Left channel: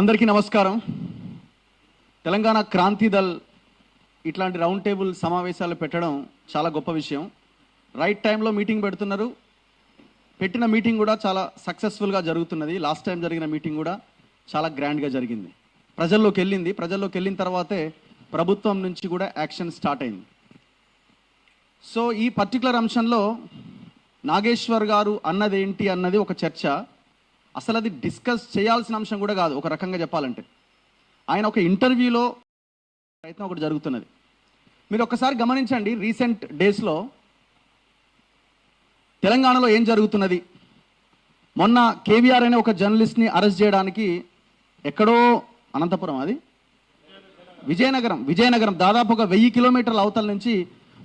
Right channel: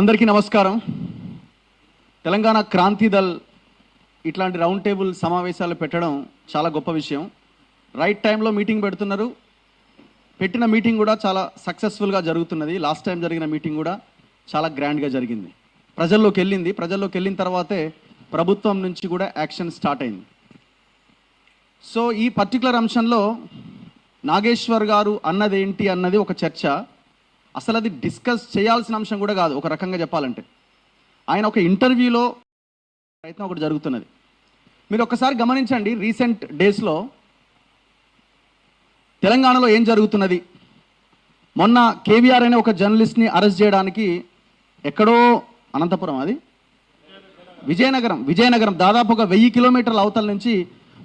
అందరికీ నమస్కారం. తెలంగాణ క్రాంతి దళ్ ఇట్లాంటి రౌండ్ టేబుల్ సమావేశాలు పెట్టడం చాలా గొప్ప విషయం. రైట్ టైంలో మీటింగ్ పెడుతున్నారు. పెట్టిన మీటింగ్ కూడా చాలా సక్సెస్ఫుల్గా జరుగుతున్నది. లాస్ట్ టైం జరిగిన మీటింగ్ కూడా చాలా గ్రాండ్గా జరిగింది. ప్రజల్లోకి వెళ్ళిన తర్వాతే ప్రభుత్వం నుంచి కూడా యాక్షన్ స్టార్ట్ అయింది. సో ఈ పర్టికులర్ అంశంలో నాగేశ్వర్ గారు అన్నదేంటి అన్నది ఒక చర్చ. అసలు అది డిస్కస్ చేయాల్సిన అంశం కూడా కాదు. ఒక రకంగా చెప్పాలంటే ఆయన ఒక ఇంటర్వ్యూలో ప్రయత్నం ఒకటి జరుగుతున్నది. మీరు ఒకసారి గమనించండి, రీసెంట్ డేస్లో తెలంగాణలో ఏం జరుగుతున్నది. మొన్న కేవీఆర్ అనే ఒక జర్నలిస్ట్ని అరెస్ట్ చేయడానికి ఎక్కడో అనంతపురం, అది విజయనగరం దాదాపు ఒక 1000 కిలోమీటర్ల అవతల నుంచి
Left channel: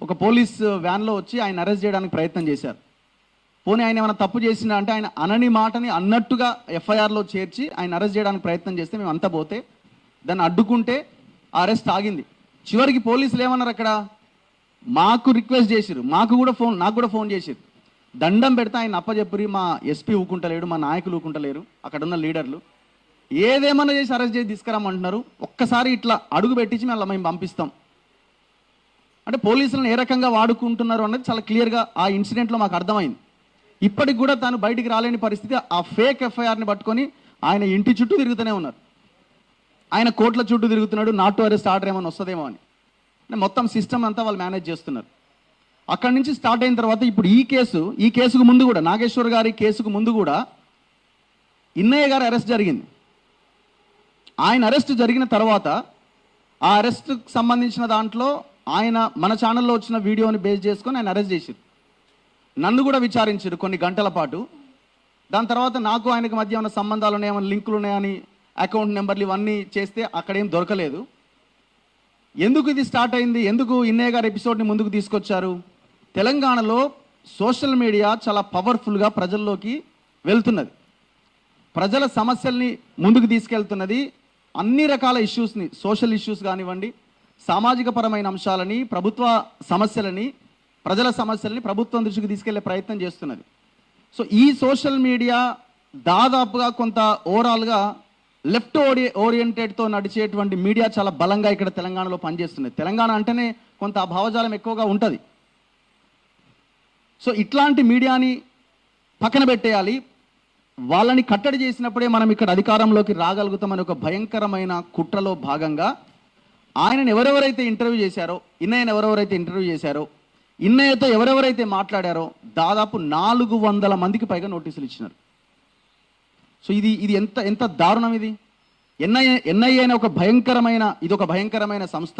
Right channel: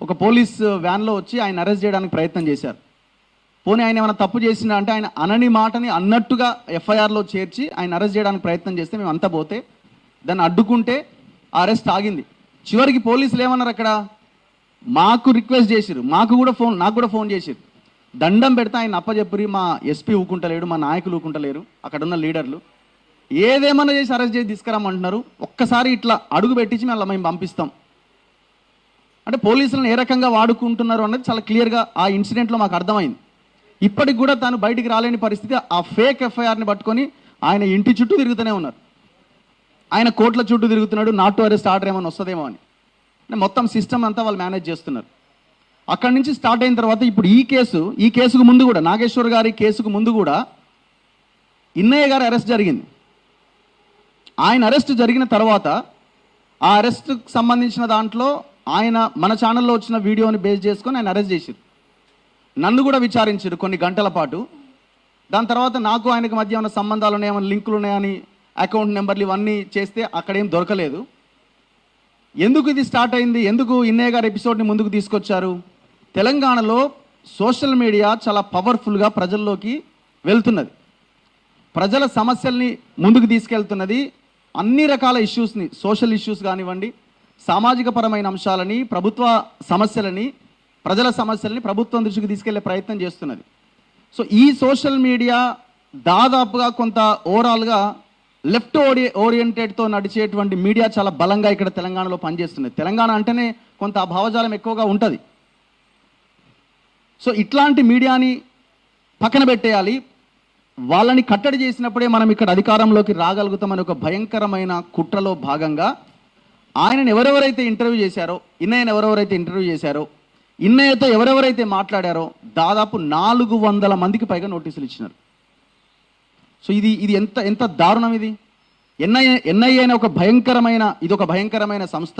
ఒక పోలీస్ వ్యాన్లో వచ్చి ఆయన అరెస్ట్ చేయడానికి ప్రయత్నం చేశారు. పోనీ ఆయన ఏమైనా తప్పు చేసినా అంటే ఆయన అనని మాటని అన్నట్టుగా ఎఫ్ఐఆర్లో చేర్చి ఆయన అరెస్ట్ చేయడానికి ప్రయత్నం చేస్తే మేము అంతా పోతే దాన్ని అడ్డుకుంటే ఆ అరెస్ట్ ఆగింది. చివరికి పోలీసులు ఏమన్నారు, అక్కడ మాకు రిక్వెస్ట్ చేసిరు, నాకు కూడా ఫోన్ చేసిరు, దండం పెడితే ఆయన అప్పచెప్పరి మా ఎస్పీ ఊకుంటలేడు, మా నాయకులు ఊకుంటలేరు, అక్కడ ఉన్న లీడర్లు ఏదేమన్నా చేసి అరెస్ట్ చేసి తీసుకురామంటున్నారు. ఒక్కసారి ఇట్లా అడుగు పెట్టించి మేము పంపిస్తాం అంటే పోలీసులను ఏ రకంగా వాడుకుంటున్నారు అన్నది చాలా క్లియర్గా ఆ ఇన్సిడెంట్లో మాకు అర్థమైంది. ఇప్పటికి కూడా తాను బయటికి రాలేని పరిస్థితి. ఆ ఫేక్ ఎఫ్ఐఆర్ని పట్టుకొని ఆయన ఇంటి చుట్టూ తిరుగుతూనే ఉన్నారు. ఆయన కోర్టుల చుట్టూ తిరుగుతున్నాడు, నాట్ టు అరెస్ట్ ఆర్డర్ ఏమైనా వస్తుందేమో అని. అంటే మొత్తం సిస్టమ్ అంతా వాళ్ళు మేనేజ్ చేస్తున్నారు. అక్కడి నుంచి స్టార్ట్ అయిన తర్వాత ఇప్పుడు ఈ కేసుకు ముందు కూడా, నాగేశ్వర్ గారి కేసుకు ముందు కూడా ఇన్నయ్య గారి అరెస్ట్ జరిగింది. ఆయన అరెస్ట్ జరిగిన తర్వాత ఆ అరెస్ట్కి సంబంధించిన దాంట్లో ఆయన మన ఛానల్లో వచ్చిన వీడియోని బేస్ చేసుకొని ఆయన అరెస్ట్ చేశారు. నన్ను కూడా విచారించారు కొన్ని గంటల పాటు. దాని తర్వాత నాకు ఆయనకు మధ్య ఏమైనా సంబంధాలు ఉన్నాయో, లింకులు ఉన్నాయని అకౌంట్ నెంబర్లు ఇవన్నీ చేస్తే అక్కడేం దొరకలేదు. ఎందుకు ఇది స్టార్ట్ అయింది, ఎందుకు ఇన్నయ్య గారి ఎపిసోడ్ని ముందుకు తీసుకొచ్చారు? తెలంగాణలో సోషల్ మీడియా చాలా పవర్ఫుల్గా ప్రజల్లోకి వెళ్తున్నది, ప్రజల సమస్యల్ని ముందుకు తీసుకెళ్తున్నది. అన్ని రకాల ఇష్యూస్ని, సోషల్ ఇష్యూస్ కానివ్వండి, సామాజిక పరమైన అంశాలని, ప్రభుత్వ సమస్యలని, ప్రజల సమస్యల్ని ప్రభుత్వం దృష్టికి తీసుకెళ్లే ప్రయత్నం చేస్తున్నది. సో ఈ సోషల్ మీడియా దాదాపుగా కొంత ఓవరాల్గా లెఫ్ట్ ఓరియంటెడ్తో నడిచేటువంటి మీడియా చాలా బలంగా ఇక్కడ తెలంగాణలో పనిచేస్తున్నది. తెలంగాణ అంటేనే కొంత భావజాలం ఎక్కువగా ఉంటుంది. సో ఇట్లాంటి మీడియాని పక్కన పెట్టేయాలి, వాళ్ళని కట్టడి చేసినప్పుడే మనం ఇక్కడ అధికారంలోకి రాగలుగుతామని ఒక భయంకరమైన కుట్రలో భాగంగా ఆయనను ఎవరెవరైతే ఇంటర్వ్యూ చేశారో, ఇన్నయ్యతో ఎవరెవరైతే మాట్లాడారో దాదాపు 400 మందికి పైగా నోటీసులు ఇచ్చినారు. సో ఇది ఎంత దారుణం ఇది. ఎన్ఐఏ అనే ఒక భయంకరమైన సంస్థ.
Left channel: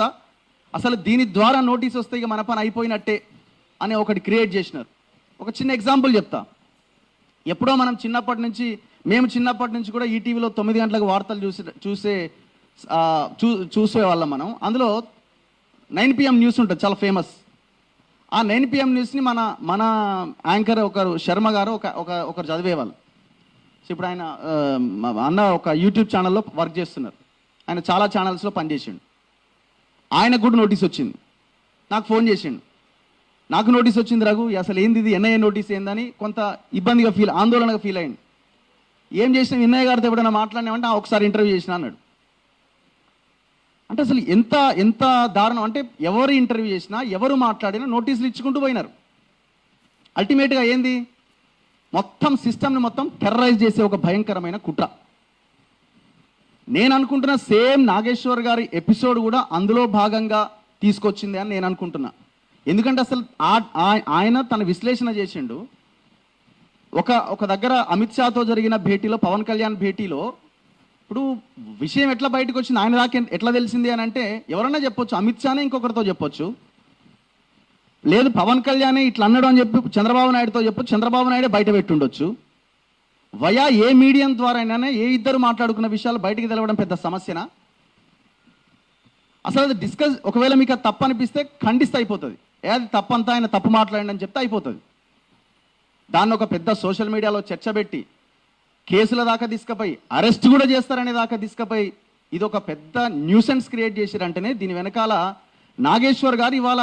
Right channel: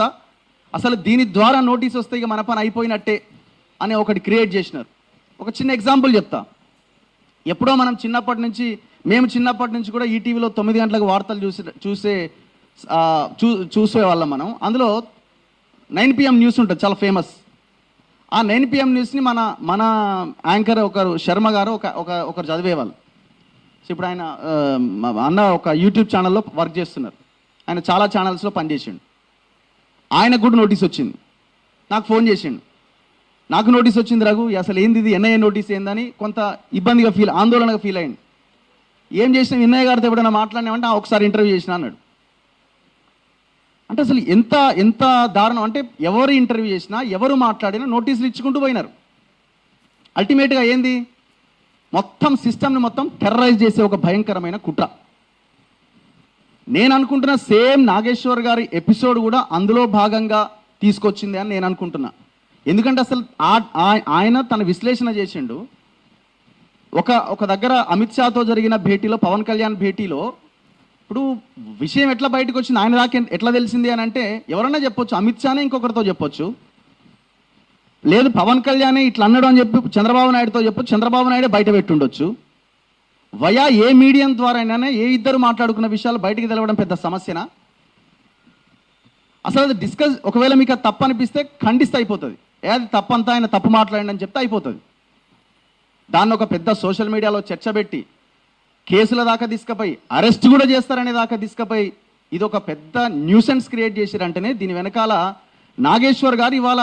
అసలు దీని ద్వారా నోటీస్ వస్తే ఇక మన పని అయిపోయినట్టే అనే ఒకటి క్రియేట్ చేసినారు. ఒక చిన్న ఎగ్జాంపుల్ చెప్తా. ఎప్పుడో మేము చిన్నప్పటి నుంచి కూడా ఈటీవీలో 9 గంటలకు వార్తలు చూసేవాళ్ళం మనం. అందులో 9 PM న్యూస్ ఉంటుంది, చాలా ఫేమస్. ఆ 9 PM న్యూస్ని మన యాంకర్ ఒకరు శర్మ గారు ఒకరు చదివేవాళ్ళు. సో ఇప్పుడు ఆయన అన్న ఒక యూట్యూబ్ ఛానల్లో వర్క్ చేస్తున్నారు. ఆయన చాలా ఛానల్స్లో పనిచేసిండు. ఆయనకు కూడా నోటీస్ వచ్చింది. నాకు ఫోన్ చేసిండు, నాకు నోటీస్ వచ్చింది రఘు, అసలు ఏంది ఇది, ఎన్ఐఏ నోటీస్ ఏందని కొంత ఇబ్బందిగా ఆందోళనగా ఫీల్ అయింది. ఏం చేసినా ఇన్నయ్య గారితో ఎప్పుడైనా మాట్లాడినామంటే ఒకసారి ఇంటర్వ్యూ చేసిన అన్నాడు. అంటే అసలు ఎంత దారుణం అంటే ఎవరు ఇంటర్వ్యూ చేసినా, ఎవరు మాట్లాడినా నోటీసులు ఇచ్చుకుంటూ పోయినారు. అల్టిమేట్గా ఏంది, మొత్తం సిస్టమ్ని మొత్తం టెర్రరైజ్ చేసే ఒక భయంకరమైన కుట్ర. నేను అనుకుంటున్నా సేమ్ నాగేశ్వర్ గారి ఎపిసోడ్ కూడా అందులో భాగంగా తీసుకొచ్చింది అని నేను అనుకుంటున్నా. ఎందుకంటే అసలు ఆయన తన విశ్లేషణ చేసిండు. ఒక దగ్గర అమిత్ షాతో జరిగిన భేటీలో, పవన్ కళ్యాణ్ భేటీలో, ఇప్పుడు విషయం ఎట్లా బయటకు వచ్చింది, ఆయన దాకా ఎట్లా తెలిసింది అని అంటే ఎవరన్నా చెప్పొచ్చు, అమిత్ షానే ఇంకొకరితో చెప్పొచ్చు, లేదు పవన్ కళ్యాణే ఇట్లా అన్నాడు అని చెప్పి చంద్రబాబు నాయుడుతో చెప్పొచ్చు, చంద్రబాబు నాయుడే బయట పెట్టుండొచ్చు. వయా ఏ మీడియం ద్వారానే ఏ ఇద్దరు మాట్లాడుకున్న విషయాలు బయటికి తెలవడం పెద్ద సమస్యనా? అసలు అది డిస్కస్, ఒకవేళ మీకు తప్పు అనిపిస్తే ఖండిస్తే అయిపోతుంది. అది తప్పంతా ఆయన తప్పు మాట్లాడండి అని చెప్తే అయిపోతుంది. దాన్ని ఒక పెద్ద సోషల్ మీడియాలో చర్చ పెట్టి కేసుల దాకా తీసుకుపోయి అరెస్ట్ కూడా చేస్తారనే దాకా తీసుకుపోయి ఇది ఒక పెద్ద న్యూసెన్స్ క్రియేట్ చేసిరంటేనే దీని వెనకాల నాగేశ్వర్ గారు ఇవాళ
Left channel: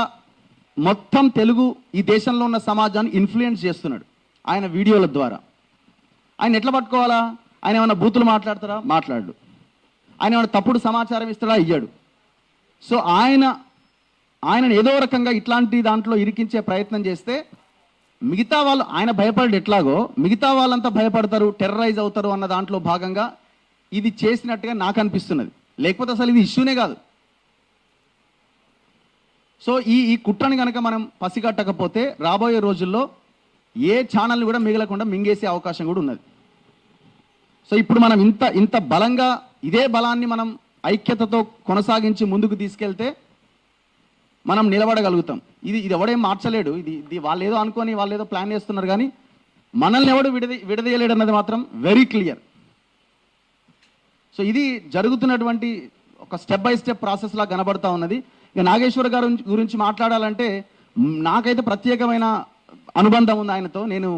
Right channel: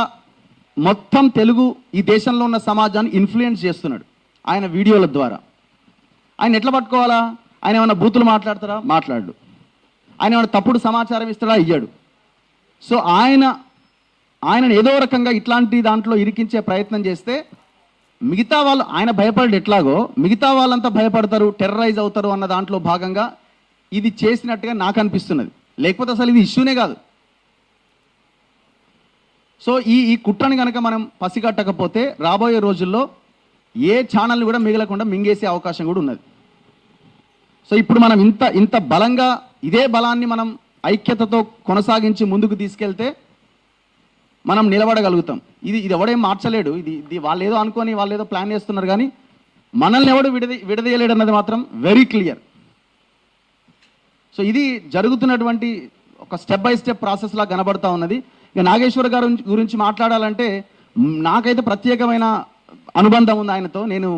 మొత్తం తెలుగు ఈ దేశంలో ఉన్న సమాజాన్ని ఇన్ఫ్లుయెన్స్ చేస్తున్నాడు ఆయన వీడియోల ద్వారా. ఆయన ఎట్లా పట్టుకోవాలా? ఆయన ఏమైనా బూతులు మాట్లాడతారా? మాట్లాడు. ఆయన ఏమైనా తప్పుడు సమాచారం ఇస్తాడా? ఇయ్యాడు. సో ఆయనను ఏదో రకంగా ఇట్లాంటి దాంట్లో ఇరికించే ప్రయత్నం చేస్తే మిగతా వాళ్ళు, ఆయన భయపడి ఎట్లాగో మిగతా వాళ్ళంతా భయపడతారు, టెర్రరైజ్ అవుతారు అన్న దాంట్లో భాగంగా ఇది చేసినట్టుగా నాకు అనిపిస్తున్నది. లేకపోతే అసలు ఇది ఇష్యూనే కాదు. సో ఈ కుట్రని కనుక మనం పసిగట్టకపోతే రాబోయే రోజుల్లో ఏ ఛానల్ కూడా మిగలకుండా మింగేసే అవకాశం కూడా ఉన్నది. సో ఇప్పుడు మనం ఇంత బలంగా ఇదే బలాన్ని మనం ఐక్యతతో కొనసాగించి ముందుకు తీసుకెళ్తే మనం నిలబడగలుగుతాం. ఇది ఎవడేం మార్చలేడు. ఇది వాళ్ళు ఏదో అనుకొని వాళ్ళు ఏదో ప్లాన్ చేస్తున్నారు, కానీ మనల్ని ఎవడు విడదీయలేడు అన్నది మాత్రం వెరీ క్లియర్. సో ఇది జరుగుతున్నటువంటి ఒక స్టెప్ బై స్టెప్ ప్రాసెస్ లా కనబడతా ఉన్నది. ఇక నాగేశ్వర గారి గురించి మాట్లాడాలంటే నాకైతే ప్రత్యేకమైన అనుబంధం ఉంది ఆయనతో. నేను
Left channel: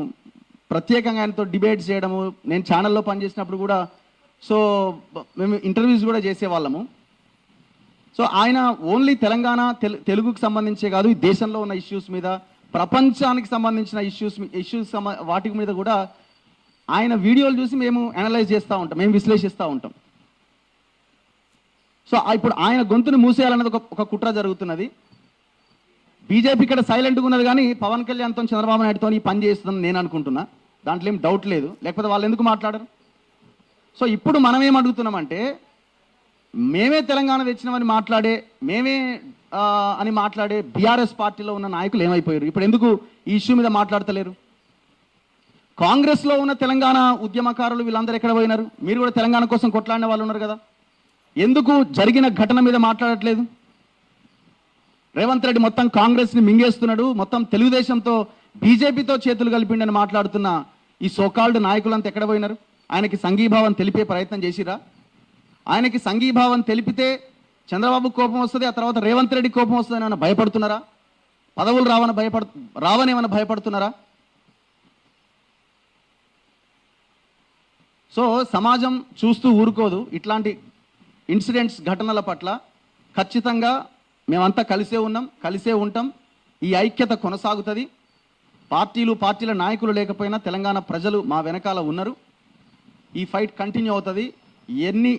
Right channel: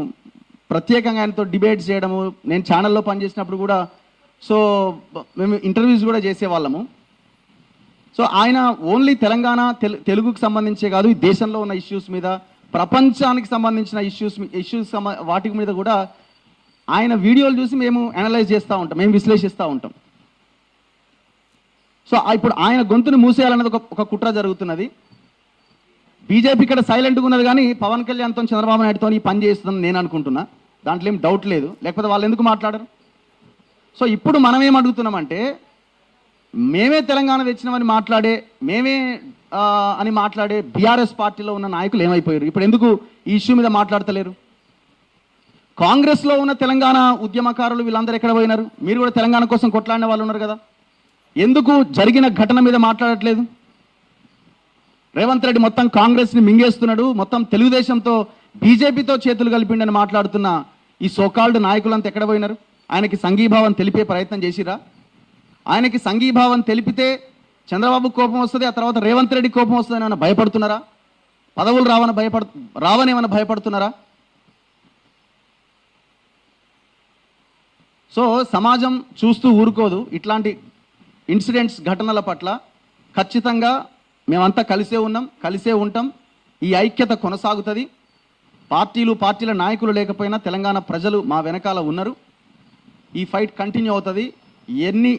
ప్రత్యేకంగా ఆయనతో డిబేట్స్ చేయడము, నేను ఛానల్లో పనిచేసినప్పుడు కూడా సో మేము ఇంటర్వ్యూస్ కూడా చేసేవాళ్ళము. సో ఆయన ఓన్లీ తెలంగాణ తెలుగుకు సంబంధించే కాదు, ఈ దేశంలో ఉన్న ఇష్యూస్ మీద, ప్రపంచానికి సంబంధించిన ఇష్యూస్ వాటి మీద కూడా ఆయన వీడియోలు చూసి మేము అనలైజ్ చేస్తూ ఉంటాం, మేము విశ్లేషిస్తూ ఉంటాం. సో ఇప్పుడు ఆయన గొంతును మూసేయాలన్నది ఒక కుట్ర జరుగుతున్నది. బీజేపీ ఇక్కడ సైలెంట్గా ఉన్నది, కానీ పవన్ కళ్యాణ్తో చంద్రబాబు నాయుడుతో ఈ పని చేస్తుందని నేను అనుకుంటున్నా. దాంట్లో ఏం డౌట్ లేదు, లేకపోతే వాళ్ళు ఎందుకు మాట్లాడరు? సో ఇప్పుడు మనం ఏం అడుగుతున్నామంటే, మేమే తెలంగాణ తెచ్చినామని మాట్లాడే బీఆర్ఎస్ పార్టీలో ఉన్న నాయకులు ఏమైపోయారు? ఇప్పుడు ఎందుకు ఈ ఇష్యూ మీద మాట్లాడతలేరు? కాంగ్రెస్లో ఉన్న తెలంగాణ ఉద్యమకారులు వీళ్ళందరూ ఎక్కడ పోయినారు? మీరు కూడా తెలంగాణ కోసం కొట్లాడిన వాళ్ళు ఉన్నారు కదా, ఎందుకు జరిగిన ఘటన మీద మాట్లాడట్లేదు? రేవంత్ రెడ్డి మొత్తం కాంగ్రెస్ని మింగేస్తున్నాడు, మొత్తం తెలుగుదేశంతో బీజేపీతో చేతులు కలిపిండని మాట్లాడుతున్న ఈ సోకాల్డ్ నాయకులంతా ఎక్కడ పోయినారు? ఆయనకి సంఘీభావం తెలిపే ప్రయత్నం చేసిరా? ఆయనకి సంఘీభావం తెలిపితే చంద్రబాబు కోపం వస్తుంది, ఆ తర్వాత రేవంత్ రెడ్డి కోపం వస్తుందని ఏమైనా భయపడుతున్నారా? పదవులు రావని ఏమైనా భయపడుతున్నారా? సో సమాజం చూస్తూ ఊరుకోదు. ఇట్లాంటి ఇన్సిడెంట్స్, ఘటనల పట్ల ఖచ్చితంగా మేమంతా కలిసే ఉంటాం. ఈ ఐక్యత కొనసాగుతుంది. పార్టీల నాయకులు లేకపోయినా తెలంగాణ ప్రజలు మా వెనకాల ఉన్నారు. ఈ ఫైట్ కంటిన్యూ అవుతుంది.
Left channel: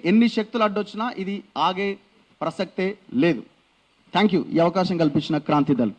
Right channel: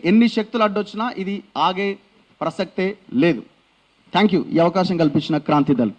ఎన్ని శక్తులు అడ్డొచ్చినా ఇది ఆగే ప్రసక్తే లేదు. థ్యాంక్ యూ ఈ అవకాశం కల్పించిన క్రాంతి దళ్.